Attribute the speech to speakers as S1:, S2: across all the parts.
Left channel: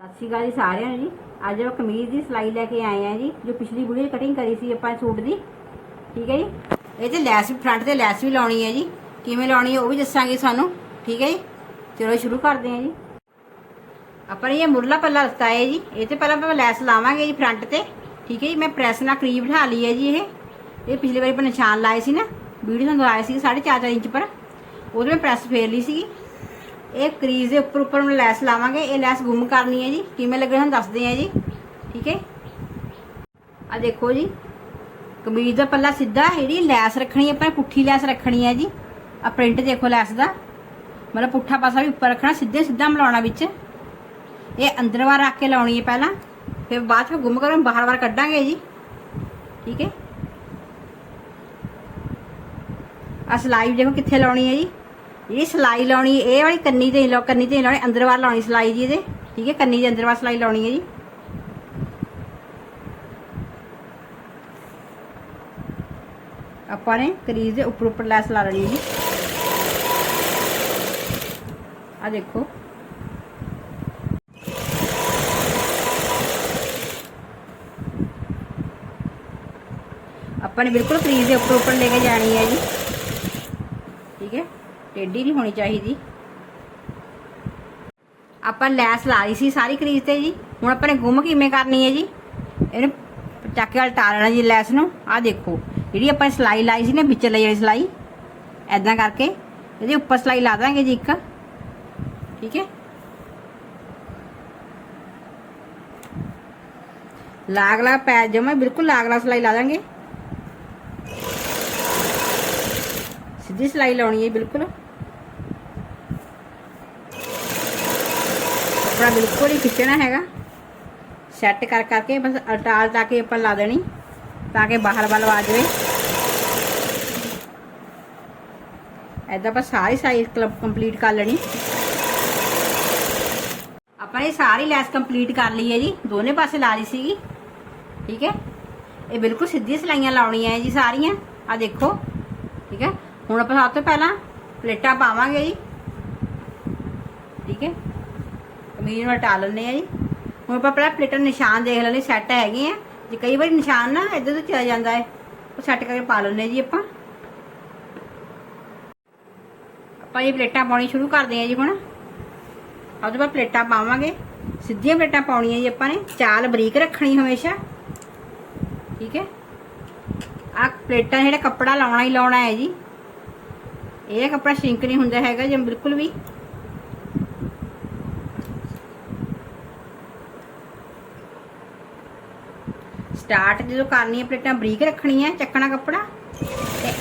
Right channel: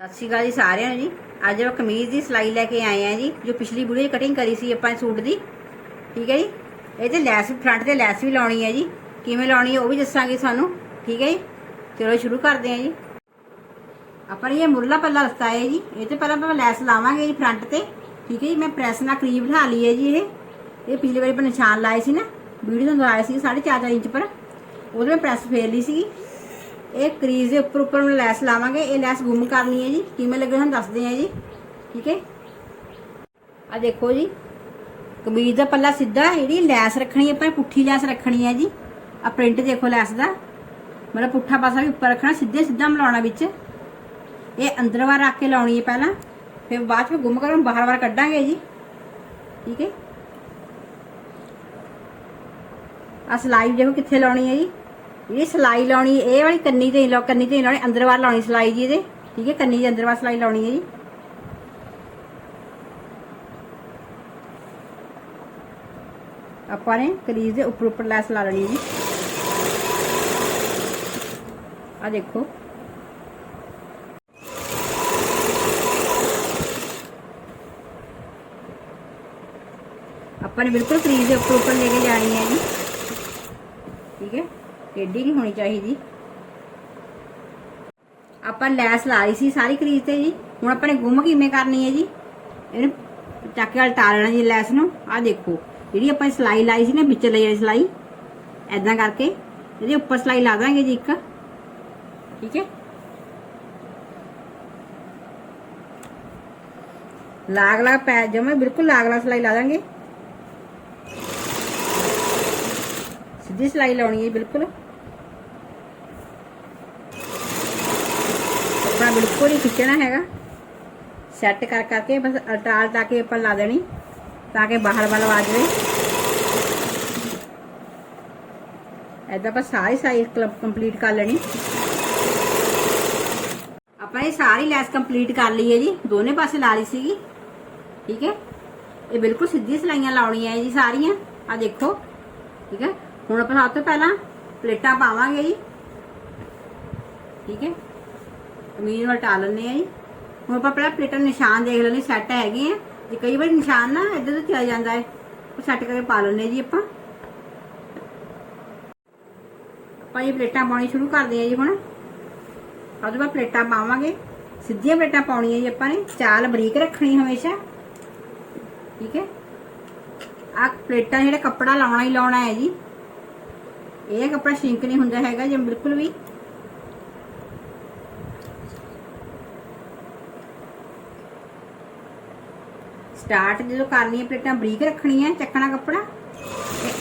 S1: ਸਤਿ ਸ਼੍ਰੀ ਅਕਾਲ ਜੀ ਸਾਰਿਆਂ ਨੂੰ ਜੀ। ਅੱਜ ਆਪਾਂ ਕਮੀਜ਼ ਦੀ ਸਿਲਾਈ ਲੈ ਕੇ ਆਏ ਆ ਜੀ, ਜੋ ਪਿਛਲੀ ਵੀਡੀਓ 'ਚ ਕਟਿੰਗ ਕਰੀ ਸੀ ਆਪਾਂ ਸੂਟ ਦੀ। ਠੀਕ ਹੈ ਜੀ? ਇਹ ਤੇ ਲੈਸ ਫਰੰਟ ਤੇ ਲੈਸ ਵੀ ਲਾਉਣੀ ਹੈ ਜੀ। ਕਿਵੇਂ ਲਾਉਣੀ ਹੈ ਉਹ ਵੀ ਦੱਸਾਂਗੇ ਸਾਨੂੰ ਠੀਕ ਹੈ ਜੀ? ਚਲੋ ਸ਼ੁਰੂ ਕਰਦੇ ਹਾਂ ਜੀ। ਆਪਾਂ ਨੇ ਇਹ ਮੁਰਲਾ ਪੱਲਾ ਲੱਤਾ ਹੈ ਜੀ। ਇਹ ਤੇ ਪਹਿਲਾਂ ਆਪਾਂ ਲੈਸ ਲਾਵਾਂਗੇ ਜੀ ਫਰੰਟ ਤੇ। ਠੀਕ ਹੈ ਜੀ? ਮੈਂ ਪ੍ਰੈਸ ਨਾਲ ਕਰੀਬ ਬਿਠਾ ਲਈ ਹੈ ਜੀ ਇਹ। ਇਹ ਪਿਛਲੀ ਵਾਰੀ ਆਪਾਂ ਨਿਸ਼ਾਨ ਲਾਏ ਸੀ ਨਾ। ਵੀਡੀਓ ਨੂੰ ਲਾਏ ਸੀ 4.5 ਇੰਚ ਪਰ। ਉਹਦੇ ਮੈਂ ਪ੍ਰੈਸ ਫੇਰ ਲਈ ਸੀਗੀ। ਇਹ ਕਰੀਜ਼ ਦੇ ਉੱਪਰ ਉੱਪਰ ਮੈਂ ਲੈਸ ਲਾਵਾਂਗੇ, ਇਹ ਲੈਸ ਗੁੰਮ ਕਰਨੀ ਹੈ ਜੀ। ਕਿਵੇਂ ਲੱਗੇ ਹੁਣ ਦੱਸਦੇ ਆ ਜੀ। ਠੀਕ ਹੈ? ਆ ਦੇਖੋ ਜੀ। ਕਮੀਜ਼ ਦਾ ਪੱਲਾ ਸਿੱਧਾ ਇਹਦੀ ਲੈਸ ਰੱਖਣੀ ਹੈ ਪਰ ਪੁੱਠੀ ਲੈਸ ਰੱਖਣੀ ਹੈ ਜੀ। ਆ ਪ੍ਰਿੰਟ ਦੇਖੋ ਲੈਸ ਦਾ। ਮਤਲਬ ਪੁੱਠਾ ਪਾਸਾ ਵੀ ਉੱਪਰ ਰੱਖਣਾ, ਸਿੱਧੇ ਸਿੱਧਾ ਮਿਲਾਉਣਾ ਵਿੱਚ। ਇਹ ਅੰਦਰ ਵਾਰ ਰੱਖ ਕੇ ਲਾਉਣੀ ਹੈ ਪਹਿਲਾਂ। ਫਿਰ ਬਾਅਦ ਚ ਗੁੰਮ ਕਰਕੇ ਬਾਹਰ ਵਾਰ ਕੱਢਾਂਗੇ ਜੀ। ਠੀਕ ਹੈ? ਆ ਸਲਾਈ ਦੇਖੋ ਕਿੱਥੇ ਲਾਉਣੀ ਹੈ ਜੀ। ਇਹ ਸਲਾਈ ਲਾਉਣੀ, ਇਹ ਵਾਲੀ ਕੰਨੀ ਤੇ ਲਾ ਕੰਨੀ ਤੇ ਲਾਉਣੀ, ਅੰਦਰ ਬਾਹਰ ਲਾਉਣੀ ਸਲਾਈ ਜੀ ਇਹਦੇ। ਠੀਕ ਹੈ, ਕੰਨੀ ਦੇ ਅੰਦਰ ਬਾਹਰ ਸਲਾਈ ਲਾਉਣੀ ਹੈ ਜੀ। ਆਪਾਂ ਨੇ ਕਰੀਜ਼ ਦੇ ਉੱਪਰ ਉੱਪਰ ਲੈਸ ਲਾ ਲੈਣੀ ਹੈ ਜੀ। ਆ ਦੇਖੋ। ਆਪਾਂ ਨੇ ਬਿਲਕੁਲ ਕਰੀਜ਼ ਦੇ ਉੱਪਰ ਉੱਪਰ ਲੈ ਕੇ ਜਾਣੀ ਹੈ ਜੀ। ਟੇਢੀ ਨਹੀਂ ਹੋਣੀ ਚਾਹੀਦੀ। ਆਪਾਂ ਲੈਸ ਲਾ ਲਈ ਸੀ ਸਾਰੀ ਕਰੀਜ਼ ਤੇ ਜੀ। ਹੁਣ ਆਪਾਂ ਨੇ ਗੁੰਮ ਕਿਵੇਂ ਕਰਨੀ ਹੈ ਜੀ? ਇਹਨੂੰ ਚੱਕ ਕੇ ਉਲਟਾ ਲੈਣਾ ਜੀ ਲੈਸ ਨੂੰ। ਆਹ ਦੇਖੋ, ਜਿਹੜੀ ਆਪਾਂ ਨੇ ਸਲਾਈ ਲਾਈ ਸੀ ਨਾ ਵਿੱਚ ਲਈ ਵਾਲੀ ਸਲਾਈ ਐਦਾਂ ਕਰਕੇ ਇਹਦੇ ਉੱਪਰ ਸਲਾਈ ਲਾ ਦਾਂਗੇ ਜੀ ਇੱਕ। ਠੀਕ ਹੈ? ਲਾਗ ਲਾਗ ਪੈ ਜਮਾ ਬਿਲਕੁਲ ਲਾਗ ਲਾਗ ਸਲਾਈ ਲਾ ਦਾਂਗੇ। ਸਿੱਧੀ ਸਲਾਈ ਲਾਉਣੀ ਹੈ ਬਿਲਕੁਲ। ਆਪਣਾ ਬਿਲਕੁਲ ਹੀ ਖਿੱਚਣਾ ਹੈਗਾ। ਸੈੱਟ ਕਰ ਕਰਕੇ ਬਸ ਅਟਾਲ ਤਾਂ ਕੇ ਆਪਾਂ ਲਾ ਦੇਣੀ, ਤਾਂ ਕਿ ਬਾਹਰ ਵੱਲ ਆ ਜਾਵੇ। ਐਦਾਂ ਆਪਾਂ ਸਾਰੀ ਸਾਈਜ਼ ਕੰਪਲੀਟ ਕਰ ਲੈਣੀ। ਆਪਾਂ ਇਹ ਸਾਰੀ ਲੈਸ ਕੰਪਲੀਟ ਕਰ ਲਈ ਹੈ ਜੀ, ਦੋਨੇ ਪਾਸੇ ਲਾ ਲਈ ਸੀਗੀ। ਠੀਕ ਹੈ? ਇਹ ਬਿਲਕੁਲ ਸਿੱਧੀ ਸਲਾਈਆਂ ਲਾਉਣੀਆਂ ਹੈ ਜੀ ਸਾਰੀਆਂ। ਆ ਦੇਖੋ। ਠੀਕ ਹੈ? ਹੁਣ ਆਪਾਂ ਸਭ ਤੋਂ ਪਹਿਲਾਂ ਪਲੇਟਾਂ ਪਾਵਾਂਗੇ ਜੀ। ਠੀਕ ਹੈ? ਕਮੀਜ਼ ਨੂੰ ਹਟਾ ਲੈਣੇ ਆ ਜੀ। ਹੁਣ ਆਪਾਂ ਪਹਿਲਾਂ ਪਲੇਟਾਂ ਨਿਸ਼ਾਨ ਦੇਖ ਲੈਣੇ ਸੈੱਟ ਹੈਗੇ ਆ। ਜੇ ਕਈ ਵਾਰ ਨਿਸ਼ਾਨ ਨਾ ਇੱਧਰ ਤੋਂ ਚਲਾ ਜਾਂਦਾ ਹੈ, ਉਹ ਸੈੱਟ ਕਰਕੇ ਪਾ ਲੈਣੇ ਜੀ ਆਪਾਂ। ਆਪਾਂ ਇਹ ਪਲੇਟਾਂ ਪਾਉਣੀ ਸ਼ੁਰੂ ਕਰਦੇ ਆ ਜੀ ਹੁਣ। ਅੱਜ ਆਪਾਂ ਪਲੇਟਾਂ ਪਾਵਾਂਗੇ। ਸਿੱਧੀਆਂ ਪਲੇਟਾਂ ਪਾਉਣੀਆਂ ਜੀ ਆਪਾਂ ਨੇ। ਚਾਲ ਬਰੀਕ ਰੱਖਣੀ ਹਮੇਸ਼ਾ। ਠੀਕ ਹੈ? ਆ ਪਲੇਟਾਂ ਜਿਹੜਾ ਕੱਪੜਾ ਲਾਉਣਾ ਹੀ ਲਾਉਣਾ ਹੈ ਜੀ। ਇਹ ਕੱਪੜਾ ਸ਼ਿੰਕ ਨਹੀਂ ਹੁੰਦਾ ਹੈਗਾ ਜੇ, ਬਿਲਕੁਲ ਵੀ। ਸਟਾਰਟ ਜਦੋਂ ਕਰਨੀ ਹੈ, ਪਲੇਟਾਂ ਬਰੀਕ ਰੱਖਣੀ ਹੈ, ਚੱਕਣਾ ਕੱਪੜਾ। ਤੇ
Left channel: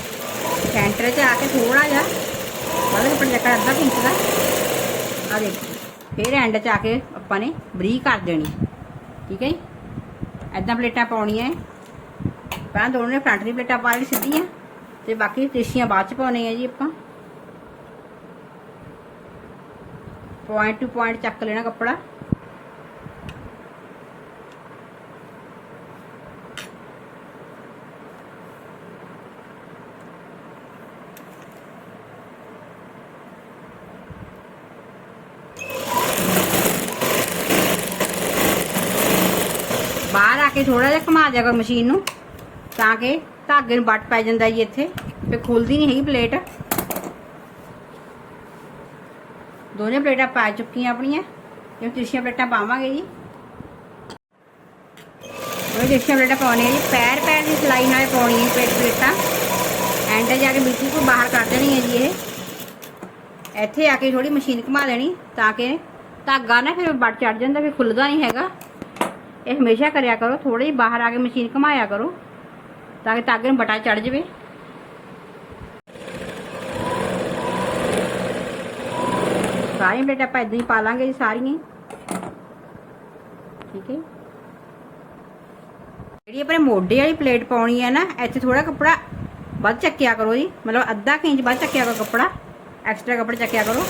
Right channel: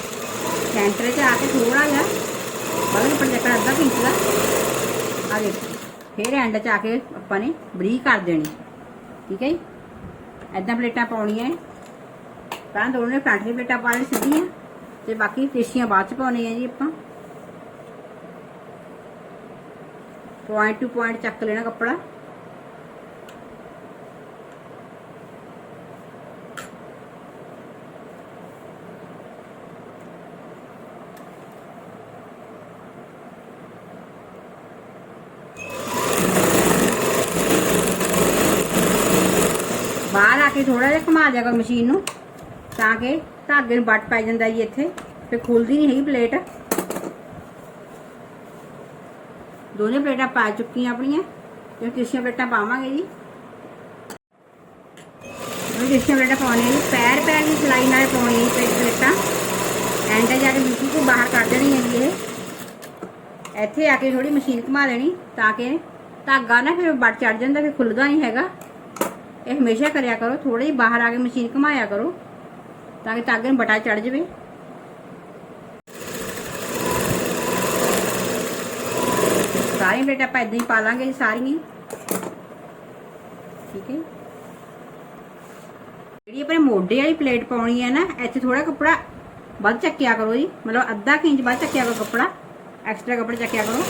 S1: ਸੈਂਟਰ ਤੇ ਆ ਕੇ ਥੋੜਾ ਜਿਹਾ ਉਹਦੇ ਉੱਪਰ ਚੱਕਣਾ, ਅੱਧਾ ਪਿੰਚ ਦਾ। ਆ ਦੇਖੋ, ਫਿਰ ਐਂਡ 'ਚ ਆ ਕੇ ਆਪਾਂ ਨੇ ਬਰੀਕ ਕਰ ਦੇਣੀ ਠੀਕ ਹੈ ਜੀ? ਐਦਾਂ ਪਲੇਟਾਂ ਪਾਉਣੀਆਂ ਪਹਿਲਾਂ ਦੋਨੇ ਫਰੰਟ ਦੀ ਪਲੇਟਾਂ ਪਾ ਲਈ ਸਿੱਧੀਆਂ, ਤੇ ਬਾਕੀ ਤਿਰਛੀਆਂ ਬਾਅਦ 'ਚ ਪਾਉਣੀਆਂ ਜੀ ਆਪਾਂ। ਪੁਆਇੰਟ ਟੂ ਪੁਆਇੰਟ ਚੱਕ ਲੈਣਾ ਕੱਪੜਾ ਬਾਹਰ ਆ ਕੇ ਥੋੜਾ ਜਿਹਾ ਘੁਮਾ ਦਿਆ ਕਰੋ ਮਸ਼ੀਨ ਨੂੰ, ਤਾਂ ਕਿ ਧਾਗੇ ਨੂੰ ਵੱਟ ਪੈ ਜਾਂਦਾ ਜੀ ਇੱਥੇ, ਤੇ ਖੁੱਲਦੀ ਨਹੀਂ ਹੈਗੀ ਪਲੇਟ। ਦੋਨੇ ਪਲੇਟਾਂ ਪਾ ਚੁੱਕੀਆਂ ਆਪਣੀਆਂ ਜਿਵੇਂ ਤਿਰਛੀਆਂ ਪਲੇਟਾਂ ਪਾਵਾਂਗੇ ਜੀ। ਉਹ ਤਿਰਛੀਆਂ ਪਲੇਟਾਂ ਪਾਉਣੀਆਂ ਜੀ, ਪੈਰ ਪੈਰ ਦੀ ਸਿਲਾਈ ਨਾਲ ਪਾਉਣੀ ਹੈ ਪਲੇਟ ਪਲੇਟਾਂ। ਐਂਡ ਜਾ ਕੇ ਮਿੱਟੀ ਤੋਂ ਬਾਹਰ ਕੱਢ ਦੇਣੀ ਹੈ ਜੀ ਇਹ। ਇੱਥੇ ਆ ਕੇ ਥੋੜੀ ਮਸ਼ੀਨ ਘੁਮਾ ਲੈਣੀ, ਤਾਂ ਕਿ ਧਾਗਾ ਨਾ ਫਿਰ ਵੱਟ ਚੜ ਜਾਂਦਾ, ਫਿਰ ਖੁੱਲਦਾ ਨਹੀਂ ਹੈਗਾ। ਇਹ ਹਮੇਸ਼ਾ ਕਰਿਆ ਕਰੋ ਥੋੜੀ ਜਿਹੀ ਬਾਹਰ ਆ ਕੇ ਮਸ਼ੀਨ ਘੁਮਾਇਆ ਕਰੋ, ਤਾਂ ਕਿ ਧਾਗੇ ਨੂੰ ਬਟਾ ਚੜ ਜਾਵੇ। ਸਾਰੀ ਪਲੇਟ ਆਪਾਂ ਇਦਾਂ ਹੀ ਪਾ ਲਾਂਗੇ ਜੀ, ਸਾਰੀਆਂ। ਠੀਕ ਹੈ ਜਿਹੜੀ ਆਪਣੇ ਮੋਢੇ ਵਾਲੀ ਪਲੇਟ ਪਾਉਣੀ ਹੈ ਨਾ, ਇੱਥੇ ਥੋੜਾ ਕੱਪੜਾ ਵੱਧ ਚੱਕਿਆ ਕਰੋ ਜੀ। ਮਤਲਬ ਅੱਧਾ ਕੁ ਇੰਚ ਵੱਧ ਚੱਕਿਆ ਕਰੋ ਕੱਪੜਾ, ਐਕਸਟਰਾ ਕੱਪੜਾ ਚੱਕਿਆ ਕਰੋ।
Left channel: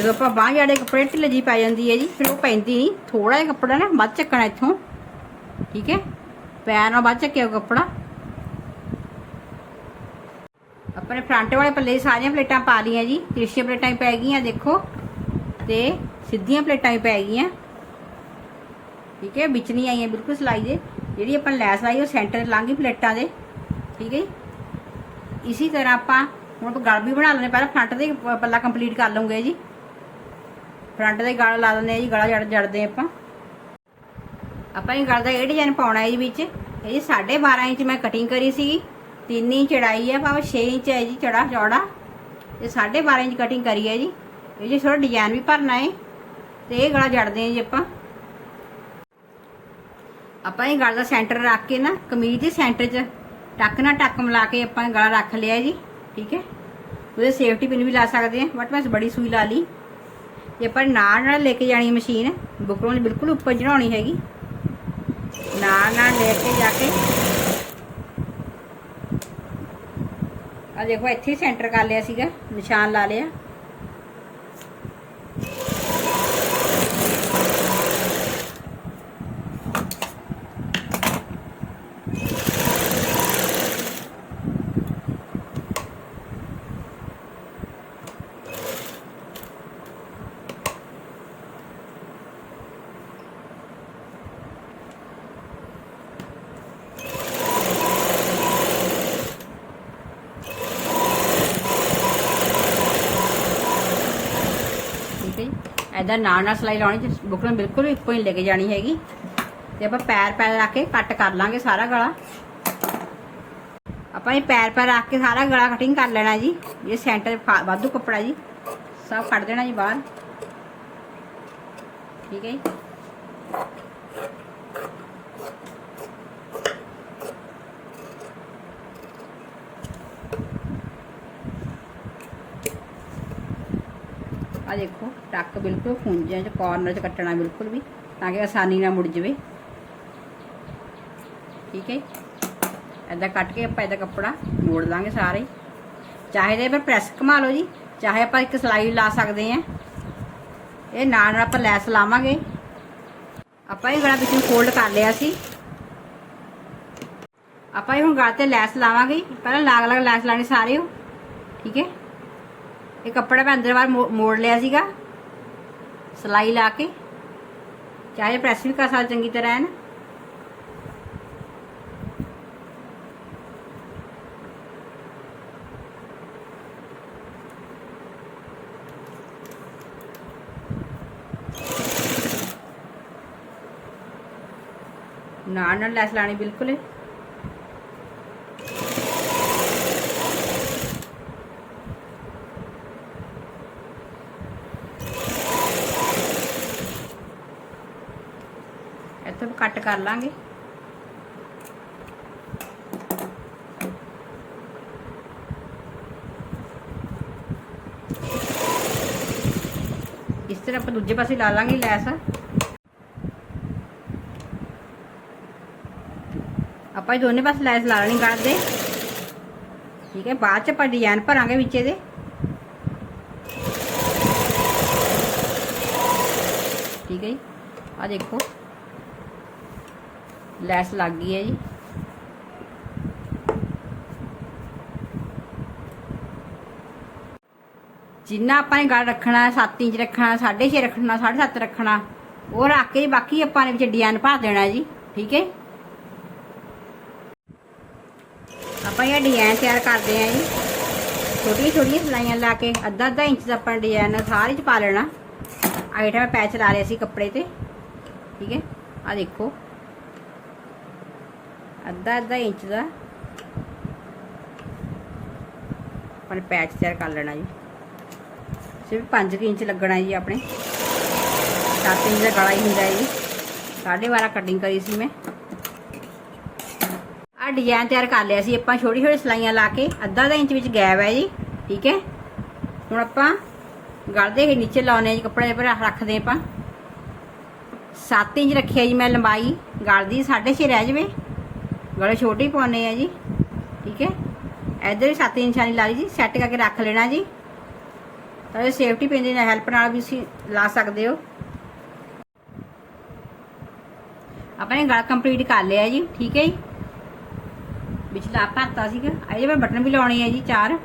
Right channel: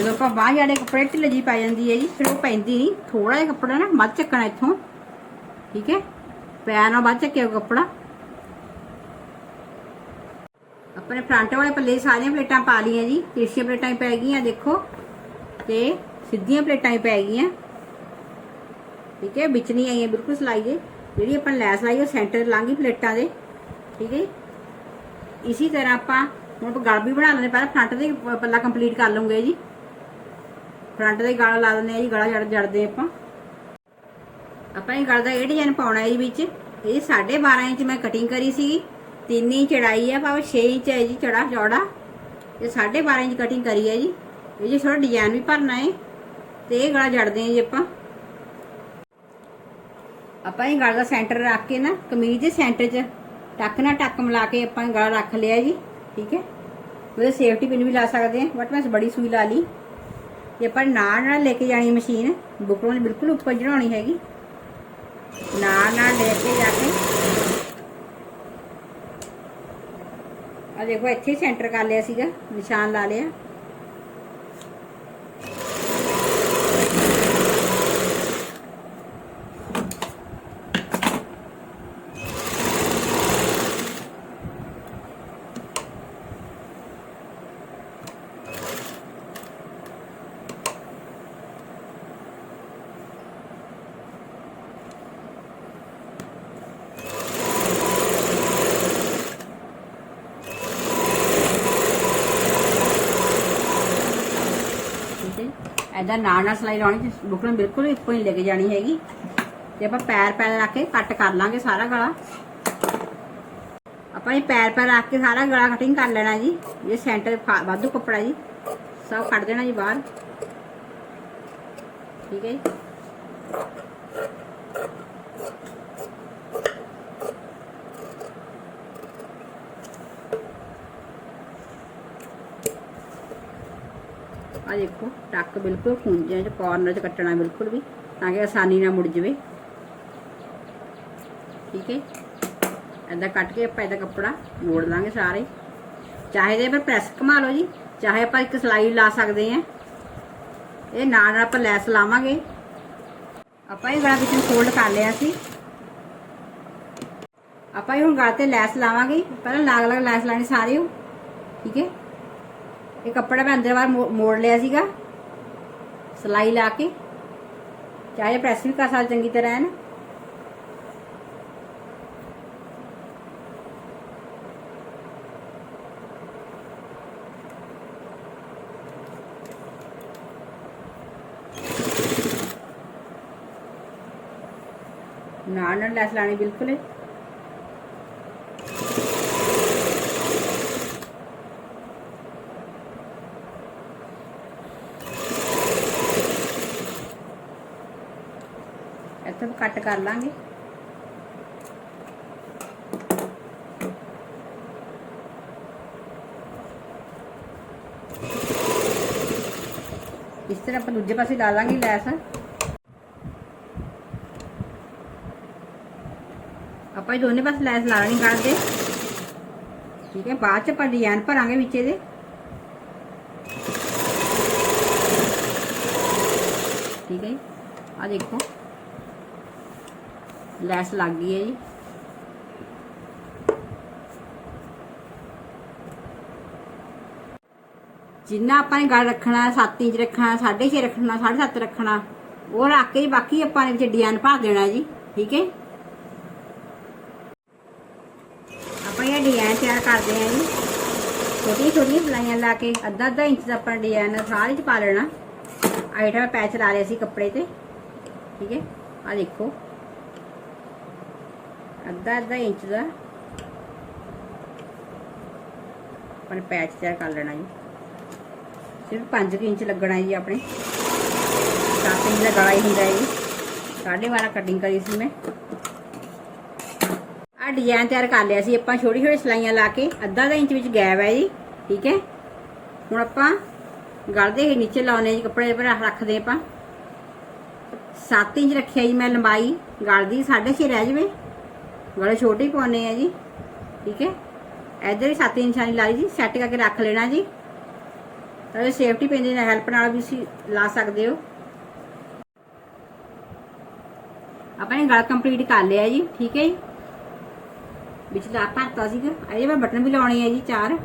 S1: ਜਦੋਂ ਆਪਾਂ ਬਾਹਰ ਜਿਹੜੇ ਕੱਪੜੇ ਢਿੱਲੇ ਜੀ ਪੈ ਜਾਂਦੀ ਹੈ ਜੀ, ਫਿਰ ਉਹ ਪੈਂਦੀ ਨਹੀਂ। ਥੋੜਾ ਜਿਹਾ ਕੱਪੜਾ ਨਾ ਵੱਧ ਚੱਕਣਾ ਇੱਥੋਂ। ਠੀਕ ਹੈ? ਪੈਰ ਨਾਲ ਵੱਧ ਚੱਕਿਆ ਕੱਪੜਾ। ਆਪਣੇ ਫਰੰਟ ਵਾਲੇ ਪੱਲੇ ਸਾਰੀਆਂ ਪਲੇਟਾਂ ਪਾ ਲਈਆਂ ਜੀ। ਤਿਰਛੀਆਂ ਪਲੇਟਾਂ ਹੀ ਪੈ ਗਈਆਂ, ਦੇਖੋ। ਤੇ ਸਿੱਧੀਆਂ ਪਲੇਟਾਂ ਵੀ ਪੈ ਗਈਆਂ। ਠੀਕ ਹੈ? ਵਿੱਚ ਨਹੀਂ ਆਈਆਂ, ਬਿਲਕੁਲ ਸਲਾਈ ਦੇ। ਜਿਹੜੀ ਆਪਾਂ ਲੈਸ ਲਾਈ, ਉਹ ਸੈਂਟਰ ਲਾਂਗੀ ਪਲੇਟਾਂ ਦੇ। ਠੀਕ ਹੈ ਜੀ। ਇਸੀ ਤਰ੍ਹਾਂ ਆਪਾਂ ਹੁਣ ਗਲ ਵੀ ਬਣਾ ਲੈਣੇ ਪਹਿਲਾਂ ਫਰੰਟ ਦੇ ਪੱਲਾ ਕੰਪਲੀਟ ਕਰ ਲਵਾਂਗੇ ਜੀ। ਫਰੰਟ ਦੇ ਗਲ ਲਾ ਦਿੰਦੇ ਆ ਜੀ, ਗਲਾ ਜੜ ਜੜਦੇ ਆਪਾਂ। ਆਪਾਂ ਇਹ ਗਲ ਦਾ ਇਹ ਡਿਜ਼ਾਈਨ ਪਾਉਣਾ ਹੈ ਜੀ ਵਿੱਚ। ਇਹ ਜੀ 12.5 ਇੰਚ ਮੈਂ ਕਟਿੰਗ ਕਰੀ ਸੀਗੀ। 3 ਇੰਚ ਚੜਾਈ ਹੈ ਭਾਵੇਂ 6 ਇੰਚ ਹੈ ਜੀ, ਚੜਾ ਚੌੜਾ। ਇਹ 12.5 ਇੰਚ ਕਟਿੰਗ ਕਰੀ ਹੈ ਜੀ। ਇਹ ਜੀ ਥੋੜਾ ਡਿਜ਼ਾਈਨ ਵੀ ਭਰਨਾ ਹੈ ਤੇ ਇਹ ਗਲਾ ਜੜਦੇ ਆ ਜੀ ਆਪਾਂ। ਆਪਾਂ ਇਹ ਗਲ ਦਾ ਸੈਂਟਰ ਰੱਖ ਕੇ ਨਾ, ਕਮੀਜ਼ ਦੇ ਸੈਂਟਰ 'ਚ ਟੱਕ ਨਾਲ ਟੱਕ ਮਿਲਾ ਕੇ ਆਪਾਂ ਗਲਾ ਰੱਖ ਲਿਆ ਜੀ, ਠੀਕ ਹੈ? ਉਹਦੇ ਸੇਫਟੀ ਪਿਨ ਵੀ ਲਾ ਸਕਦੇ ਆ, ਬਟ ਮੈਂ ਬੜੀ ਸੂਈ ਲਾ ਲਈ। ਜੇ ਆਪਾਂ ਨਾਲ ਨਾਲ ਲੈ ਕੇ ਜਾਣੀ ਮਸ਼ੀਨ, ਬੁਕਰੋਂ ਦੀ ਬਿਲਕੁਲ ਉੱਪਰ ਚੜਾਉਣੀ ਹੈਗੀ। ਨਾਲ ਨਾਲ ਲੈ ਕੇ ਜਾ ਕੇ। ਆ ਦੇਖੋ, ਇੱਥੇ ਸੈਂਟਰ ਕਰ ਲਿਆ ਸੀਗਾ, ਨਿਸ਼ਾਨ ਲਾ ਲਿਆ ਠੀਕ ਹੈ ਐਦਾਂ ਨਾਲ ਨਾਲ ਸਲਾਈ ਲਾਉਣੀ ਜਿਸ ਬੁਕਰਮ ਬਿਲਕੁਲ ਇੱਕੋ ਹੀ ਲੈ ਕੇ ਜਾਣੀ ਹੈਗੀ। ਤੇ ਆਪਾਂ ਪੈਰ ਪੈਰ ਰੱਖ ਕੇ ਕੱਟ ਕਰ ਲਾਂਗੇ ਸਾਰਾ ਗਲਾ। ਆਪਾਂ ਇਹ ਪੈਰ ਪੈਰ ਰੱਖ ਕੇ ਸਾਰਾ ਗਲਾ ਕਟਿੰਗ ਕਰ ਲੈਣਾ ਜੀ। ਇਹ ਸੈਂਟਰ ਫਾ- ਵਾਧੂ ਕੱਪੜਾ ਜੀ। ਸਭ ਕੱਢ ਦੇਣਾ ਜੀ ਬਾਹਰ। ਠੀਕ ਹੈ ਜੀ। ਆ ਦੇਖੋ ਟੱਕ ਬਿਲਕੁਲ ਖੁੰਝੇ ਚ ਕਾਰਨਰ ਚ ਕੱਟਣਾ ਬਿਲਕੁਲ ਵੀ, ਤਾਂ ਕਿ ਆਸਾਨੀ ਨਾਲ ਮੁੜ ਜਵੇ। ਠੀਕ ਹੈ? ਐਦਾਂ ਕੱਟ ਕੇ ਆਪਾਂ ਇਹਦਾ ਕੱਪੜਾ ਮੋੜ ਲਾਂਗੇ ਸਾਰੇ। ਚਾਹੇ ਤੇ ਆਪਾਂ ਪ੍ਰੈਸ ਘੁਮਾ ਲਓ ਜੀ, ਚਾਹੇ ਆਪਾਂ ਇੱਕ ਸਲਾਈ ਲਾ ਸਕਦੇ ਆ ਇਹ ਨਾਲ ਨਾਲ ਆਪਾਂ ਲੈਸ ਲਾਵਾਂਗੇ। ਆਪਾਂ ਇਹ ਗਲਾ ਵਿੱਚ ਫੋਲਡ ਕਰ ਲਿਆ ਸੀ। ਆਪਾਂ ਇਹ ਹੁਣ ਗਲ ਤੇ ਲੈਸ ਲਾਵਾਂਗੇ। ਪਹਿਲਾਂ ਲਾਗ ਲਾਗ ਲੈਸ ਲਾਣੀ ਸਾਰੇ। ਹੋ ਠੀਕ ਹੈ? ਇਹ ਕੱਪੜੇ ਮੈਂ ਅੰਦਰ ਬਾਹਰ ਮੋ- ਮੋੜ ਲਿਆ ਸੀਗਾ। ਸਲਾਈ ਲਾ ਕੇ। ਚਾਹੇ ਪ੍ਰੈਸ ਵੀ ਕਰ ਸਕਦੇ, ਚੰਗੀ ਤਰ੍ਹਾਂ ਐਨ। ਨਾਲ ਨਾਲ ਲੈਸ ਲਾਣੀ ਬਿਲਕੁਲ ਇੱਥੇ ਕੱਟ ਕਰ ਲਾਂਗੇ। ਇਸ ਤਰ੍ਹਾਂ ਆਪਾਂ ਦੂਜੇ ਪਾਸੇ ਲਾ ਲਾਂਗੇ ਲੈਸ। ਆਪਾਂ ਦੋਨੇ ਪਾਸੇ ਲੈਸ ਲਾ ਲੈਣੀ ਗਲ ਦੇ। ਠੀਕ ਹੈ, ਬਾਅਦ ਚ ਆਪਾਂ ਡਿਜ਼ਾਈਨ ਭਰਾਂਗੇ ਵਿੱਚ ਇਹਦੇ ਠੀਕ ਹੈ ਜੀ ਆ ਦੇਖੋ ਲੈਸ ਲੱਗ ਗਈ ਹੈ ਜੀ। ਜਿੰਨਾ ਆਪਾਂ ਨੇ ਗਲ ਰੱਖਣਾ 7 ਇੰਚ ਰੱਖਣਾ 6.5 ਰੱਖਣਾ 7.5 ਰੱਖਣਾ, ਉਹ ਰੱਖ ਕੇ ਬਾਕੀ ਆਪਾਂ ਨੇ ਵਿੱਚ ਡਿਜ਼ਾਈਨ ਭਰ ਦੇਣਾ ਜੀ, ਠੀਕ ਹੈ? ਆਪਾਂ ਇਹ ਡਿਜ਼ਾਈਨ ਤਿਆਰ ਕਰਦੇ ਆਂ ਜੀ। ਛੋਟੀਆਂ ਛੋਟੀਆਂ ਸਲਾਈਆਂ ਲਾ ਕੇ ਅੱਧਾ ਅੱਧਾ ਇੰਚ ਦਾ ਆਪਾਂ ਡਿਜ਼ਾਈਨ ਸਾਰੇ ਚ ਪਾ ਲੈਣਾ। ਆਈਟਮ ਪੈਚ ਲਾ ਲਿਆ ਸੀ ਕੱਪੜੇ ਤੇ, ਠੀਕ ਹੈ? ਆ ਦੇਖੋ। ਅੱਧਾ ਅੱਧਾ ਇੰਚ ਦਾ। ਆਪਣੇ ਪੈਚ ਤਿਆਰ ਕਰ ਲੈਣਾ ਜੀ। ਸਿਰਫ 5 ਇੰਚ ਲੱਗਣਾ ਜੀ ਆਪਣੇ। 7 ਇੰਚ ਦਾ ਗਲਾ ਹੀ ਹੁੰਦਾ ਜੀ। ਸਾਢੇ 12 ਕਟਿੰਗ ਕਰੀ ਸੀ ਮੈਂ। ਆ ਡਿਜ਼ਾਈਨ ਤਿਆਰ ਕਰ ਲਿਆ ਸੀ ਆਪਾਂ। ਛੋਟੀ ਛੋਟੀ ਸਲਾਈਆਂ ਲਾ ਕੇ ਅੱਧਾ ਦਾ ਇੰਚ ਵਿੱਚ ਗੈਪ ਹੈ ਜੀ। ਠੀਕ ਹੈ? ਹੁਣ ਆਪਾਂ ਗਲ ਦੇ ਨੀਚੇ ਲਾਉਣੇ ਜੀ। ਕੱਪੜੇ ਪਰ ਰੱਖਦੇ ਆਪਾਂ। 7 ਇੰਚ ਰੱਖਿਆ ਜੀ ਮੈਂ ਲੰਬਾਈ। ਗਲਦੀ 6.5 ਰਹਿ ਜਵੇ। ਗਲੇ ਛੋਟੀ ਪਾਉਣੇ ਆ ਜੀ। ਠੀਕ ਹੈ? ਇੱਧਰ ਵੀ 7 ਇੰਚ ਵਾਲੀ ਲਾ ਲਈ ਜੀ ਸੈੱਟ ਕਰਕੇ ਰੱਖ ਲੈਣਾ ਜੀ। ਤਾਂ ਸੇਫਟੀ ਪਿੰਨ ਦੀ ਹੈਲਪ ਨਾਲ ਵੀ ਤੁਸੀਂ ਲਾ ਸਕਦੇ ਹੋ। ਆਪਾਂ ਇਹ ਗਲ ਕੰਪਲੀਟ ਕਰ ਲਿਆ ਜੀ, ਠੀਕ ਹੈ ਜੀ? ਵਿਚਲਾ ਭਰਤਾ ਸੀਗਾ। ਅਜੇ ਮੈਂ ਬਟਨ ਵੀ ਲਾਉਣੇ ਆ ਜੀ, ਚਾਰ।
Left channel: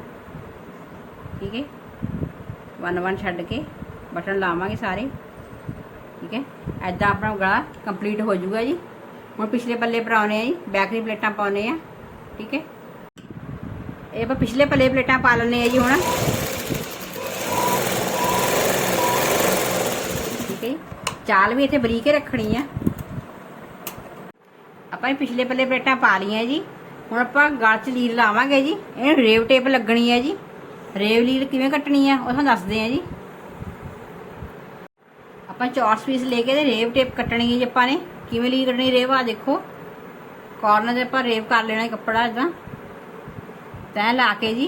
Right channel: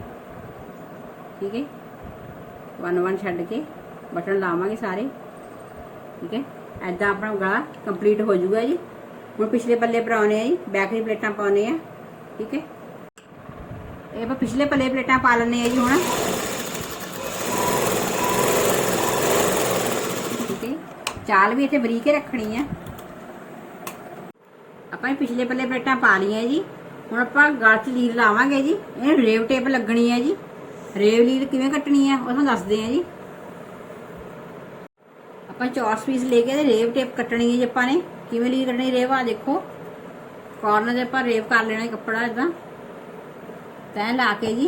S1: ਠੀਕ ਹੈ? ਵਨ ਵਨ ਛੱਡ ਕੇ ਬਟਨ ਲਾਵਾਂਗੇ ਸਾਰੇ। ਠੀਕ ਹੈ? ਐਦਾਂ ਆਪਣਾ ਗਲਾ ਕੰਪਲੀਟ ਹੋ ਜਾਊਗਾ ਜੀ। ਹੁਣ ਪਿਛਲੇ ਪੱਲੇ ਪਰਾਉਣੇ ਆ ਜੀ ਬੈਕ ਪਲੇਟਾਂ ਪਾਉਣੇ ਆ, ਠੀਕ ਹੈ? ਇਹ ਆਪਾਂ ਪਿਛਲੇ ਪੱਲੇ ਪਲੇਟਾਂ ਪਾ ਲੈਣੇ ਆ ਜੀ ਹੁਣ। ਠੀਕ ਹੈ ਚਾਲ ਵੀ ਇੱਥੇ ਬਰੀਕ ਹੀ ਰੱਖਣੀ ਆ। ਆਪਾਂ ਇਹ ਪਿਛਲੇ ਪੱਲੇ ਪਲੇਟਾਂ ਪਾ ਲਈਆਂ ਜੀ। ਹੁਣ ਆਪਾਂ ਗਲ 'ਚ ਲੀਰ ਲਾਵਾਂਗੇ ਜੀ। ਇਹ ਰੇਵ ਟੇਪ ਲੱਗਣੀ ਹੈ ਜੀ। ਰੇਵ ਲੀਰ ਕਿਵੇਂ ਕੱਟਣੀ ਆ, ਉਹ ਤੁਹਾਨੂੰ ਦੱਸਦੇ ਆ ਜੀ। ਆਪਾਂ ਚੌਰਸ ਪੀਸ ਲੈ ਕੇ ਤੇ ਰੇਵ ਟੇਪ ਕੱਟਣੀ ਹੈ ਜੀ ਆਪਾਂ ਨੇ। ਕਿਵੇਂ ਲੀਰ ਕੱਟਣੀ ਰੇਵ ਆ ਦੇਖੋ। ਕਾਰਨਰ ਦੇ ਆਪਾਂ ਰੇਵ ਕਰ ਲੈਣਾ ਕੱਪੜਾ ਇਦਾਂ ਤੈਂ ਲਾ ਕੇ ਜੀ।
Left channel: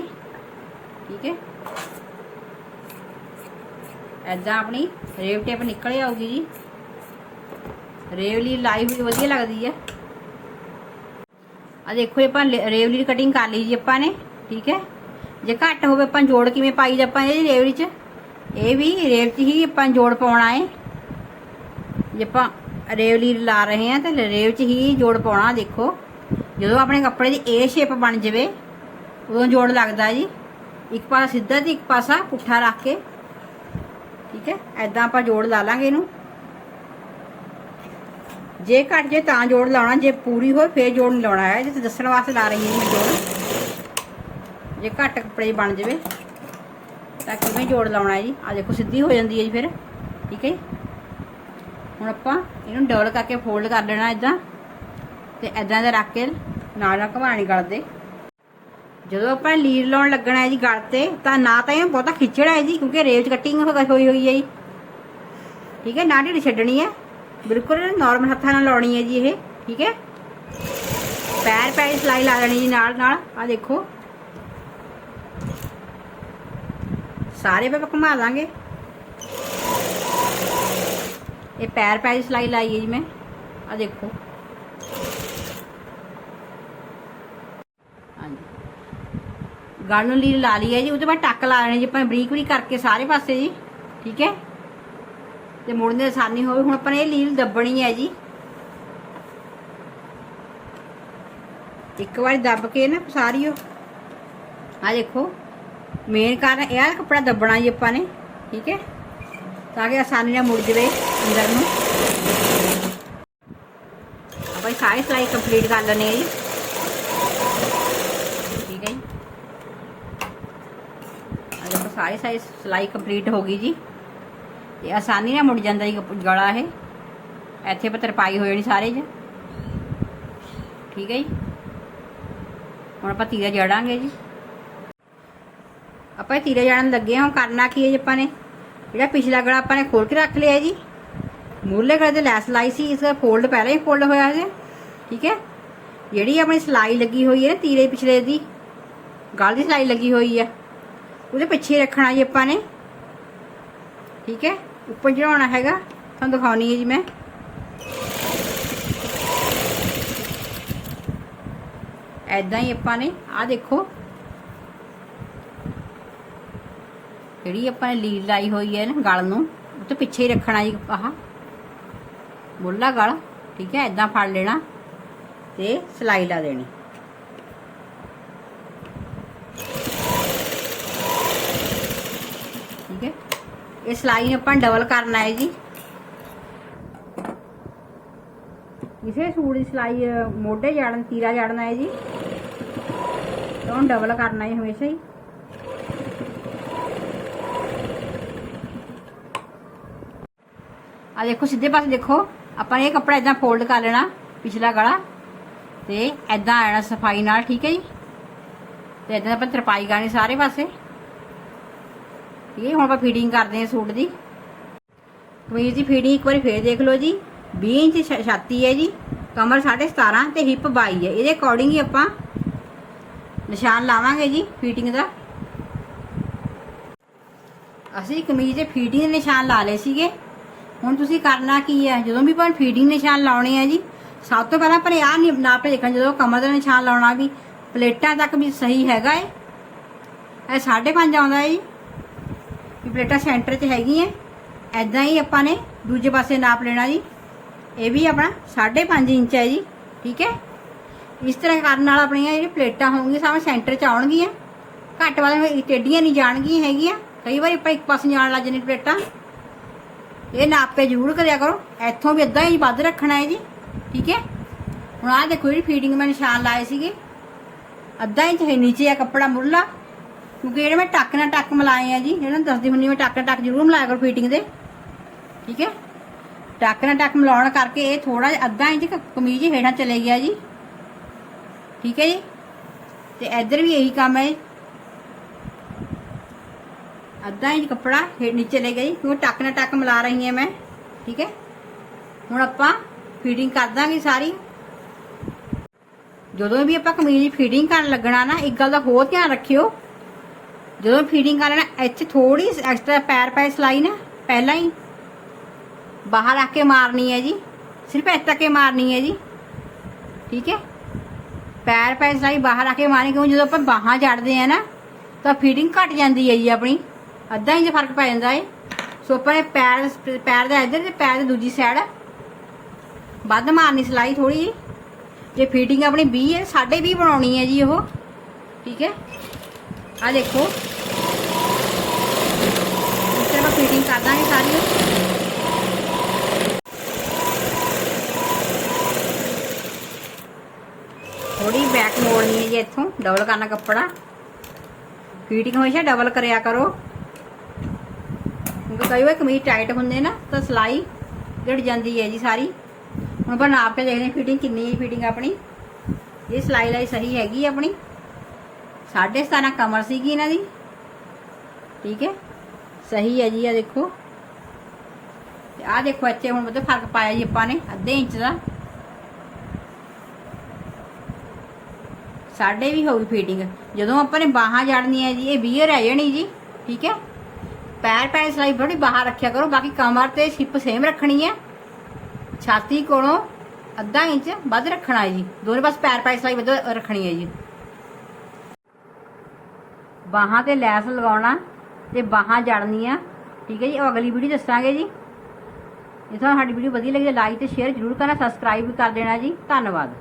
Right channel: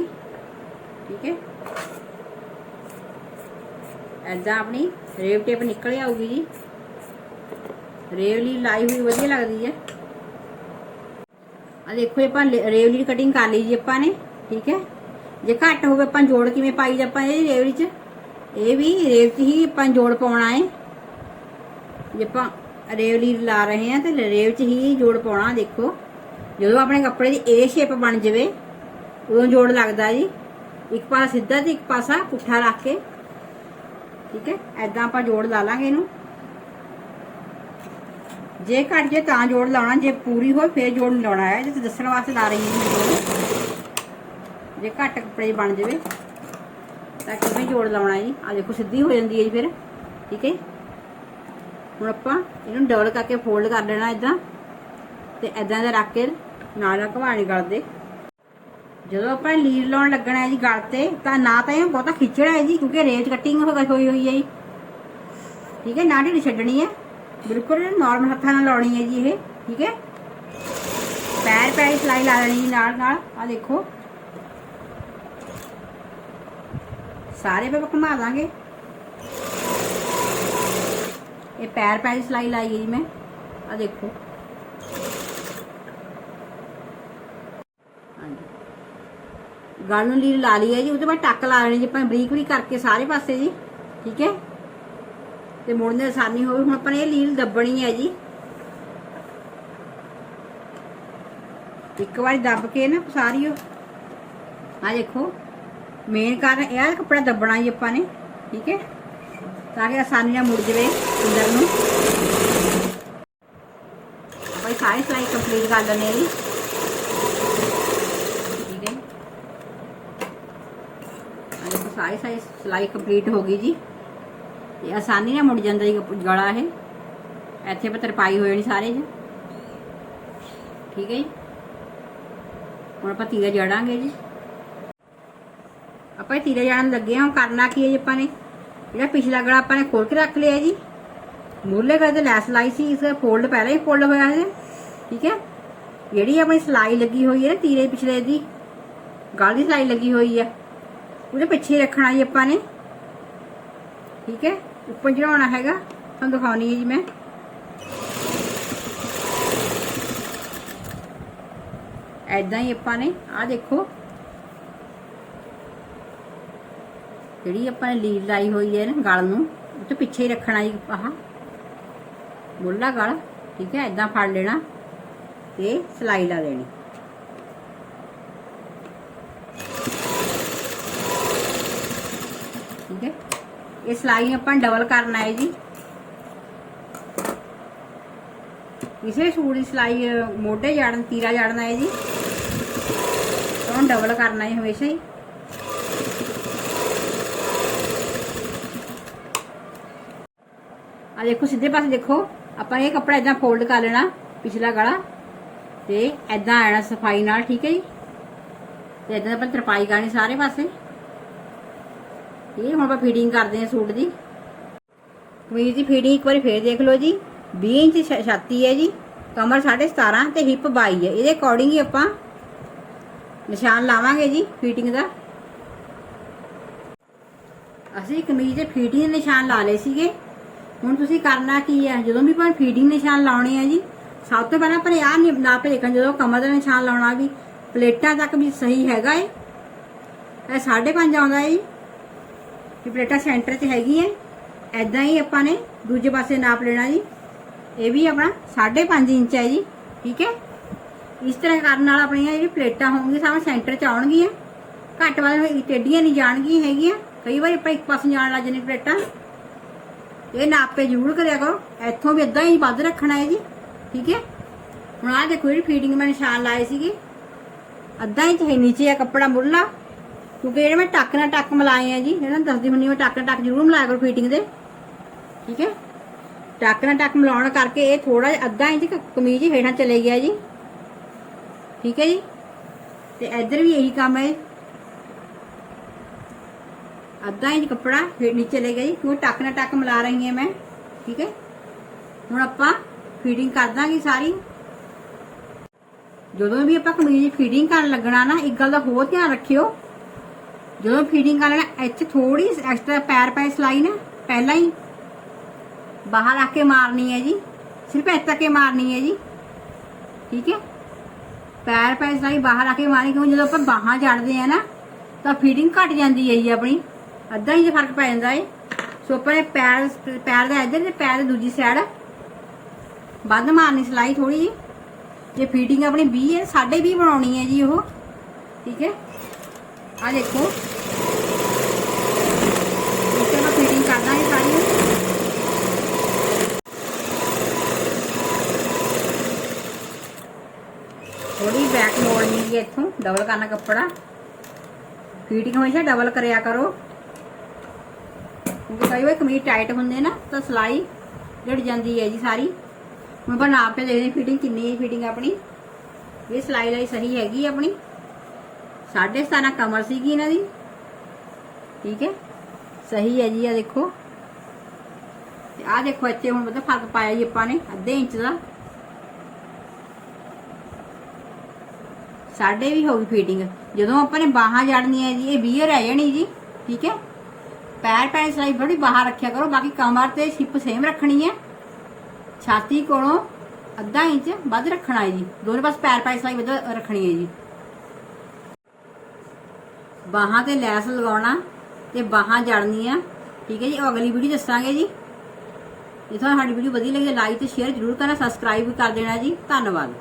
S1: ਠੀਕ ਹੈ। ਐਦਾਂ ਆਪਣੀ ਰੇਵ ਟੇਪ ਨਿਕਲ ਆਊਗੀ ਜੀ। ਰੇਵਲੀ ਲਾਈ ਹੋਈ ਵਧੀਆ ਲੱਗਦੀ ਹੈ। ਆ ਦੇਖੋ ਇਹ ਆਪਾਂ ਰੇਵਲੀ ਦੀ ਕਟਿੰਗ ਕਰ ਲਈ ਜੀ ਆਪਾਂ ਨੇ। ਠੀਕ ਹੈ। ਜੇ ਘੱਟ ਹੋਵੇ ਆਪਾਂ ਜੋੜ ਕਿਵੇਂ ਪਾਈ ਆਪਾਂ ਇਹ ਰੇਵਲੀ 'ਚ ਇਹ ਵੀ ਰੇਵ 'ਚ ਹੀ ਆਪਾਂ ਜੋੜ ਪਾਉਣਾ ਹੈ। ਜੇ ਆਪਾਂ ਰੇਵ ਲੀਰ ਲਾ ਰਹੇ ਹਾਂ ਤੇ ਰੇਵ 'ਚ ਹੀ ਜੋੜ ਪਾਉਣਾ, ਦੇਖੋ। ਜਦੋਂ ਆਪਣੇ ਕੱਪੜੇ ਦੀ ਏ ਸ਼ੇਪ ਬਣ ਜਾਵੇ, ਉਦੋਂ ਜੋੜ ਲੱਗਦਾ ਜੀ। ਇੱਕ ਪਾਸਾ ਸਿੱਧਾ ਤੇ ਇੱਕ ਪਾਸਾ ਪੁੱਠਾ ਰੱਖ ਕੇ, ਠੀਕ ਹੈ? ਐਦਾਂ ਆਪਾਂ ਜੋੜ ਲਾ ਲਾਂਗੇ ਇਹਨੂੰ। ਜੇ ਘੱਟ ਜੇ ਤਾਂ ਜੋੜ ਲਾਉਣਾ, ਜੇ ਪੂਰੀ ਹੋਏ ਫੇਰ ਜੋੜ ਨਹੀਂ ਲਾਉਣਾ ਹੈ ਜੇ ਦੱਸਣ ਵਾਸਤੇ ਲਾ ਰਹੀ ਹਾਂ ਜੇ ਘੱਟ ਕੱਪੜੇ ਬਣ ਜਾਵੇ, ਤਾਂ ਕਿਵੇਂ ਜੋੜ ਲਾਉਣਾ ਜੀ। ਆ ਦੇਖੋ, ਸਿੱਧੀ ਹੋ ਜਾਂਦੀ ਹੈ ਜੀ ਫਿਰ, ਠੀਕ ਹੈ? ਹੁਣ ਆਪਾਂ ਇਹਨੂੰ ਡਬਲ ਕਰਕੇ ਫੋਲਡ ਕਰ ਲੈਣਾ ਇਦਾਂ ਤੇ ਇਦਾਂ ਦਾ ਰੱਖ ਕੇ ਨਾਲ ਨਾਲ ਘਵਾਣੀ ਕਰਦੇ ਜਦੋਂ ਆਪਾਂ ਲੀਰ ਲਾਉਣ ਲੱਗਣਾ ਹੈ ਜੀ ਗਲ ਤੇ, ਤਾਂ ਨਾ ਤਾਂ ਇਹ ਬਹੁਤਾ ਖਿੱਚਣਾ ਹੈ ਜੀ ਕਿਉਂਕਿ ਰੇਲ ਚ ਕਟਿੰਗ ਹੋ ਹੋਈ ਹੋਈ ਹੈ ਜੀ। ਠੀਕ ਹੈ, ਨਾ ਢਿੱਡ ਛੱਡਣੀ ਹੈ। ਬਿਲਕੁਲ ਨਾਰਮਲ ਹੱਥਾਂ ਨਾਲ ਲਾਉਣੀ ਹੈ ਜੀ ਇਹ, ਠੀਕ ਹੈ। ਪੈਰ ਪੈਰ ਸਲਾਈ ਲਾ ਦੇਣੀ ਜੀ ਨਾਲ ਨਾਲ ਆ ਦੇਖੋ। ਸਾਰੇ ਪੇ ਘੁਮਾ ਦਾਂਗੇ। ਇਹ ਪੈਰ ਪੈਰ ਸਲਾਈ ਲਾਈ ਹੈ ਜੀ ਮੈਂ। ਆ ਦੇਖੋ। ਹਾਂਜੀ। ਗਲ ਨੂੰ ਲੀਰ ਲਾ ਲਈ ਹੈ ਜੀ ਉਹ ਉਹਦੇ ਮੈਂ ਟੱਕ ਲਾ ਲੈਣੀ ਜੀ ਆਪਾਂ, ਬਰੀਕ ਬਰੀਕ ਕਰਕੇ ਸਾਰੇ ਪਾਸੇ ਜੀ, ਠੀਕ ਹੈ? ਤੇ ਮੁੜਨ ਦੀ ਆਸਾਨੀ ਹੋਵੇ ਹੁਣ ਆਪਾਂ ਨੇ ਇਹ ਲੀਲ ਦੱਬਣੀ ਹੈ ਜੀ। ਇੱਕ ਵਾਰੀ ਦੱਬ ਕੇ ਨਾ ਸਾਰੀ ਉਹ ਆ ਦੇਖੋ, ਮੇਨ ਕਾਰਨ ਇਹ ਆ, ਕੱਪੜਾ ਦੱਬਣਾ ਜੀ ਆਪਾਂ ਨੇ, ਠੀਕ ਹੈ? ਤਾਂ ਕਿ ਆਸਾਨੀ ਨਾਲ ਮੁੜ ਜਵੇ ਅੰਦਰ ਨੂੰ। ਆਪਾਂ ਸਾਰੀ ਸਲਾਈ ਕੰਪਲੀਟ ਕਰ ਲੈਣੇ ਆ ਜੀ। ਠੀਕ ਹੈ ਜੀ। ਆਹ ਦੇਖੋ, ਸਾਰੀ ਸਾਰੀ ਸਲਾਈ ਕੰਪਲੀਟ ਹੋ ਗਈ ਜੀ। ਇਹ ਆਸਾਨੀ ਨਾਲ ਮੁੜ ਜਾਂਦਾ ਜੀ ਗਲਾ ਇਹ। ਇੱਥੇ ਪਰ ਤਰਪਾਈ ਹੋ ਜਾਣੀ ਸਾਰੇ ਜੀ। ਠੀਕ ਹੈ ਜੀ। ਹੁਣ ਆਪਾਂ ਤੀਰਾ ਜੜਾਂਗੇ ਜੀ। ਆਪਾਂ ਇਹ ਤੀਰੇ ਜਾਣ ਲੱਗੇ ਹਾਂ, ਹੁਣ ਕਰਨਾ ਕੀ ਹੈ ਜੀ ਆਪਾਂ ਨੇ? ਜਿਹੜਾ ਪਿਛਲਾ ਗਲਾ ਆਪਾਂ ਨੇ ਖੋਲ ਕੇ ਰੱਖ ਲਿਆ ਜੀ। ਮੂਲੇ ਗਲੇ ਤੇ ਲੈਸ ਲਾਈ ਸੀ, ਇਸ ਦਾ ਫੋਲਡ ਪਹਿਲਾਂ ਹੀ ਫੋਲਡ ਹੋਇਆ ਹੈ। ਠੀਕ ਹੈ? ਜਿਹੜੀ ਆਪਣੀ ਸਲਾਈ ਲੱਗੀ ਹੋਈ ਹੈ ਨਾ ਤੀਰੇ ਪਿਛਲੇ ਦੀ, ਗਲ ਦੀ ਸਲਾਈ ਲੱਗੀ ਹੋਈ ਹੈ। ਉਹਦੇ ਪਿੱਛੇ ਰੱਖਣਾ ਜੀ ਆਪਾਂ ਨੇ। ਠੀਕ ਹੈ? ਉੱਪਰ ਚੜਾਉਣਾ ਹੈਗਾ। ਤੁਹਾਨੂੰ ਦਿਖਾਉਣੀ ਹੈ ਜੀ ਮੈਂ। ਐਦਾਂ ਹੀ ਆਪਾਂ ਨੇ, ਆਹ ਦੇਖੋ ਜਿਹੜੀ ਆਪਾਂ ਨੇ ਲੀਡ ਲਾਈ ਹੋਈ ਹੈ ਨਾ ਗਲ ਨੂੰ, ਉਹ ਤੋਂ ਪਿੱਛੇ ਹੀ ਰੱਖਣਾ ਜੀ ਆਹ। ਮੁੱਲਾ ਗਲ, ਠੀਕ ਹੈ ਐਦਾਂ ਫੜ ਲੈਣਾ ਤੇ ਸਲਾਈ ਲਾ ਦੇਣੀ। ਠੀਕ ਹੈ, ਇਹ ਸਲਾਈ ਆਪਾਂ ਡਬਲ ਕਰਨਾ ਹੈ ਜੀ। ਇਸੇ ਸੂਟ ਦੀ ਸਲਾਈ, ਮੋਢੇ ਜਾੜਨ, ਤੀਰਾ ਜਾੜਨਾ ਹੈ ਜੀ। ਤਾਂ ਡਬਲ ਕਰਨਾ ਹੈ ਹਮੇਸ਼ਾ ਹੀ। ਦੇਖੋ, ਸਿੱਧੇ ਪਾਸੇ ਦੇਖੋ। ਆਪਾਂ ਇਹ ਕੱਪੜਾ ਇਦਾਂ ਫੋਲਡ ਕਰ ਲੈਣਾ, ਪਿਛਲਾ ਗਲਾ। ਤੇ ਇਦਾਂ ਆਣਾ ਸਫ਼ਾਈ ਨਾਲ, ਠੀਕ ਹੈ ਜੀ? ਤੇ ਇਦਾਂ ਆਪਾਂ ਤਰਪਾਈ ਕਰਨੀ ਸਾਰੇ ਪਾਸੇ। ਇਹ ਹੁਣ ਆਪਾਂ ਫੀਡਿੰਗ ਕਰਦੇ ਹਾਂ ਸੂਟ ਦੀ। ਕਮੀਜ਼ ਦੀ ਫੀਡਿੰਗ ਇੱਕ ਵਾਰੀ ਫੇਰ ਦੇਖ ਲਓ ਜੀ। 20 ਇੰਚ ਛਾਤੀ ਹੈ ਜੀ। ਕਮਰ 17.5 ਤੇ ਹਿਪ 22 ਹੈ। ਇਹਦੇ ਅਕੋਰਡਿੰਗ ਹੀ ਆਪਾਂ ਨਿਸ਼ਾਨ ਲਾਵਾਂਗੇ ਜੀ ਫੀਟਿੰਗ ਦਾ। ਅਸੀਂ ਕਮੀਜ਼ ਦੇ ਫੀਟਿੰਗ ਦੇ ਨਿਸ਼ਾਨ ਲਾ ਲਏ ਸੀਗੇ। ਹੁਣ ਤੁਸੀਂ ਕਰਨਾ ਕੀ ਹੈ? ਜਦੋਂ ਵੀ ਆਪਾਂ ਫੀਡਿੰਗ ਨਿਸ਼ਾਨ ਲਾਉਣੇ ਆ ਜੀ, ਸਭ ਤੋਂ ਪਹਿਲਾਂ ਪਰ ਆਹ ਨਹੀਂ ਨਾਪ ਕੇ ਜਦੋਂ ਕਮਰ ਦਾ ਨਿਸ਼ਾਨ ਲਾਉਣਾ ਵੀ ਪਲੇਟਾਂ ਤੱਕ ਵੀ ਸਹੀ ਹੈਗਾ ਏ। ਇਹ 5.5 ਆਉਂਦਾ ਹੈ ਜੀ। ਪਲੇਟਾਂ ਸੈਂਟਰ 'ਚ ਹੈਗੀਆਂ ਐਦਾਂ ਹੀ ਆਪਾਂ ਨੇ ਦੂਜੇ ਪਾਸੇ ਨਾਪ ਲੈਣਾ ਜੀ। ਇਹ ਵੀ ਆਪਣਾ 5.5 ਇੰਚ ਹੈ ਜੀ, ਠੀਕ ਹੈ? ਇਸ ਤਰ੍ਹਾਂ ਕਰਨ ਨਾਲ ਆਪਣੀਆਂ ਜਿਹੜੀ ਪਲੇਟਾਂ ਹੋਣਗੀਆਂ ਸਾਵੇਂ ਸੈਂਟਰ 'ਚ ਆਉਣਗੀਆਂ। ਘੱਟ ਵੱਧ ਟੇਡੀਆਂ ਨਹੀਂ ਜਾਣਗੀਆਂ ਹੈਗੀਆਂ। ਕਈ ਵਾਰੀ ਆਪਾਂ ਇੱਕ ਪਾਸੇ ਜਾਣ ਲੱਗ ਜਾਂਦੇ ਪਲੇਟਾਂ। ਇਹ ਨਾਪੇ ਜ਼ਰੂਰ ਕਰਿਆ ਕਰੋ। ਇੱਥੋਂ ਵੀ ਅੱਧਾ ਹੀ ਵੱਧ ਰੱਖਣਾ ਹੈ ਜੀ, ਠੀਕ ਹੈ? ਹੁਣ ਆਹ ਦੇਖੋ ਜਿਹੜੀ ਫੀਟਿੰਗ ਮੈਂ ਨਿਸ਼ਾਨ ਲਾਏ ਸੀਗੇ। ਅੱਧਾ ਇੰਚ ਹੈ ਨੀਚੇ ਆ ਕੱਪੜਾ ਮੁੱਢਲਾ ਕਿਉਂਕਿ ਜਿਹੜੇ ਮੈਂ ਟੱਕ ਨਾਲ ਟੱਕ ਮਿਲਾਏ ਆ ਜੀ। ਜਿਹੜਾ ਦੱਸਦੀ ਹੁੰਦੀ ਮੈਂ ਟੱਕ ਟੱਕ ਜ਼ਰੂਰ ਮਿਲਾਇਆ ਕਰੋ ਫੀਟਿੰਗ ਦੇ। ਠੀਕ ਹੈ? ਟੱਕ ਨਾਲ ਟੱਕ ਮਿਲਾਉਣ ਕਰਕੇ ਇਹ ਥੋੜਾ ਜਿਹਾ ਅੱਧਾ ਇੰਚ ਕਮੀਜ਼ ਹੇਠਾਂ ਚਲੇ ਗਿਆ ਜੀ। ਠੀਕ ਹੈ ਜੀ? ਤੇ ਇੱਧਰ ਵੀ ਇਹੀ ਕੰਮ ਹੈ। ਅੱਧਾ ਇੰਚ ਕੱਪੜਾ ਹੇਠ ਨੀਚੇ ਲੈ ਗਿਆ ਜੀ ਕਿਉਂਕਿ ਟੱਕ ਨਾ ਟੱਕ ਮਿਲਾ ਰਹੀ ਹਾਂ ਮੈਂ, ਠੀਕ ਹੈ? ਹੁਣ ਆਪਾਂ ਫੀਟਿੰਗ ਕਰ ਦਾਂਗੇ ਸਾਰੀ। ਜਦੋਂ ਵੀ ਆਪਾਂ ਕਮੀਜ਼ ਦੀ ਫੀਟਿੰਗ ਕਰਨ ਲੱਗਣਾ ਨਾ, ਇੱਕ ਗੱਲ ਦਾ ਹੋਰ ਧਿਆਨ ਰੱਖਿਓ। ਜਦੋਂ ਫੀਟਿੰਗ ਕਰ ਲੈਣਾ, ਇੱਥੇ ਥੋੜੀ ਐਕਸਟਰਾ ਪੈਰ ਪੈ ਸਲਾਈ ਨਾ, ਪਹਿਲਾਂ ਹੀ। ਬਾਹਰ ਆ ਕੇ ਮਾਰਨੀ ਹੈ ਜੀ, ਸਿਰਫ ਇੱਥੇ ਤੱਕ ਹੀ ਮਾਰਨੀ ਹੈ ਜੀ। ਠੀਕ ਹੈ? ਪੈਰ ਪੈ ਸਲਾਈ ਬਾਹਰ ਆ ਕੇ ਮਾਰਨੀ ਕਿਉਂ ਜਦੋਂ ਆਪਾਂ ਬਾਹਾਂ ਜੜਦੇ ਆ ਨਾ, ਤਾਂ ਫੀਡਿੰਗ ਘਟ ਜਾਂਦੀ ਹੈ ਜੀ ਆਪਣੀ। ਅੱਧਾ ਇੰਚ ਫ਼ਰਕ ਪੈ ਜਾਂਦਾ ਹੈ ਸੋ ਆਪਾਂ ਨੇ ਪੈਰ ਪੈਰ ਦਾ ਇੱਧਰ ਤੇ ਪੈਰ ਦੀ ਦੂਜੀ ਸਾਈਡ ਵੱਧ ਮਾਰਨੀ ਸਲਾਈ ਥੋੜੀ ਜੀ। ਜੇ ਫੀਟਿੰਗ ਆਪਣੀ 20 ਹੈ 20 ਬਣਾਉਣੀ ਹੈ ਜੀ ਉਹ। ਠੀਕ ਹੈ? ਆ ਦੇਖੋ। ਇੱਥੇ ਮੈਂ ਫੀਟਿੰਗ ਕਰ ਦਾਂਗੇ ਸਾਰੀ ਥੋੜੀ ਬੈਕ ਮੋੜਨੀ ਹੈ ਜੀ ਇੱਥੋਂ ਡਬਲ ਕਰਨਾ ਕੱਪੜਾ। ਫੀਟਿੰਗ ਹਮੇਸ਼ਾ ਡਬਲ ਕਰਿਆ ਕਰੋ। ਕਈ ਵਾਰ ਕਮੀਜ਼ ਟਾਈਟ ਹੁੰਦੇ ਨਾ, ਤਾਂ ਸਲਾਈ ਜੜ ਜਾਂਦੀ ਹੈ ਜੀ ਸਾਰੀ। ਹੁਣ ਆਪਾਂ ਨਾਪ ਕੇ ਦੇਖਦੇ ਫਿਟਿੰਗ ਕਿੰਨੀ ਹੈ ਫਿਟਿੰਗ ਆਪਣੀ। ਇਹ ਸਲਾਈ ਲਾਈ ਸਹੀ ਹੈਗੀ ਹੈ ਆਪਣੀ। 17.5 ਕਮਰ ਸੀਗੀ ਇਹਨਾਂ ਦੀ। ਠੀਕ ਹੈ? ਸਹੀ ਹੈ ਜੀ ਆ ਦੇਖੋ। ਤੇ ਆ ਦੇਖੋ ਇੱਥੇ ਹੁਣ ਉਹਦੇ ਫ਼ਰਕ ਪਾਇਆ ਜੀ ਆਪਾਂ ਨੇ, ਅੱਧੇ ਇੰਚ ਦਾ। ਸਾਡੇ ਵੀ ਹੋਊਗੀ ਫੀਟਿੰਗ ਜਦੋਂ ਆਪਾਂ ਨੇ ਬਾਹਾਂ ਜੜਨੀਆਂ ਜੀ, ਇਹ 20 ਰਹਿ ਜਾਣੀ ਜੀ। ਠੀਕ ਹੈ? ਪੈਰ ਪੈਰ ਸਲਾਈ ਬੜੀ ਬਾਹਰ ਰੱਖਿਆ ਕਰੋ, ਬਾਕੀ ਕਮਰ ਤੇ ਸ਼ਿਪ ਸੇਮ ਰੱਖਣੀ ਹੈ। ਛਾਤੀ ਕੋਲੋਂ ਅੱਧਾ ਇੰਚ ਵੱਧ ਰੱਖਣਾ ਹੈ ਜੀ। ਦੋਨੇ ਪਾਸ ਪੈਰ ਪੈਰ ਸਲਾਈ ਵੱਧ ਰੱਖਣੀ ਹੈ ਜੀ। ਬਾਹਾਂ ਤੇ ਲੈਸ ਲਗਾਉਣਾ ਤੇ ਬਾਹਾਂ ਜੜਨੀਆਂ ਠੀਕ ਹੈ ਜੀ, ਉਹ ਅਗਲੀ ਵੀਡੀਓ ਦੱਸਾਂਗੇ ਜੀ। ਜੇ ਤੁਹਾਨੂੰ ਸਾਡੀ ਵੀਡੀਓ ਵਧੀਆ ਲੱਗੀ ਲਾਈਕ ਤੇ ਸ਼ੇਅਰ ਜ਼ਰੂਰ ਕਰਨਾ ਸਬਸਕ੍ਰਾਈਬ ਵੀ ਕਰ ਦੇਣਾ ਜੀ। ਧੰਨਵਾਦ।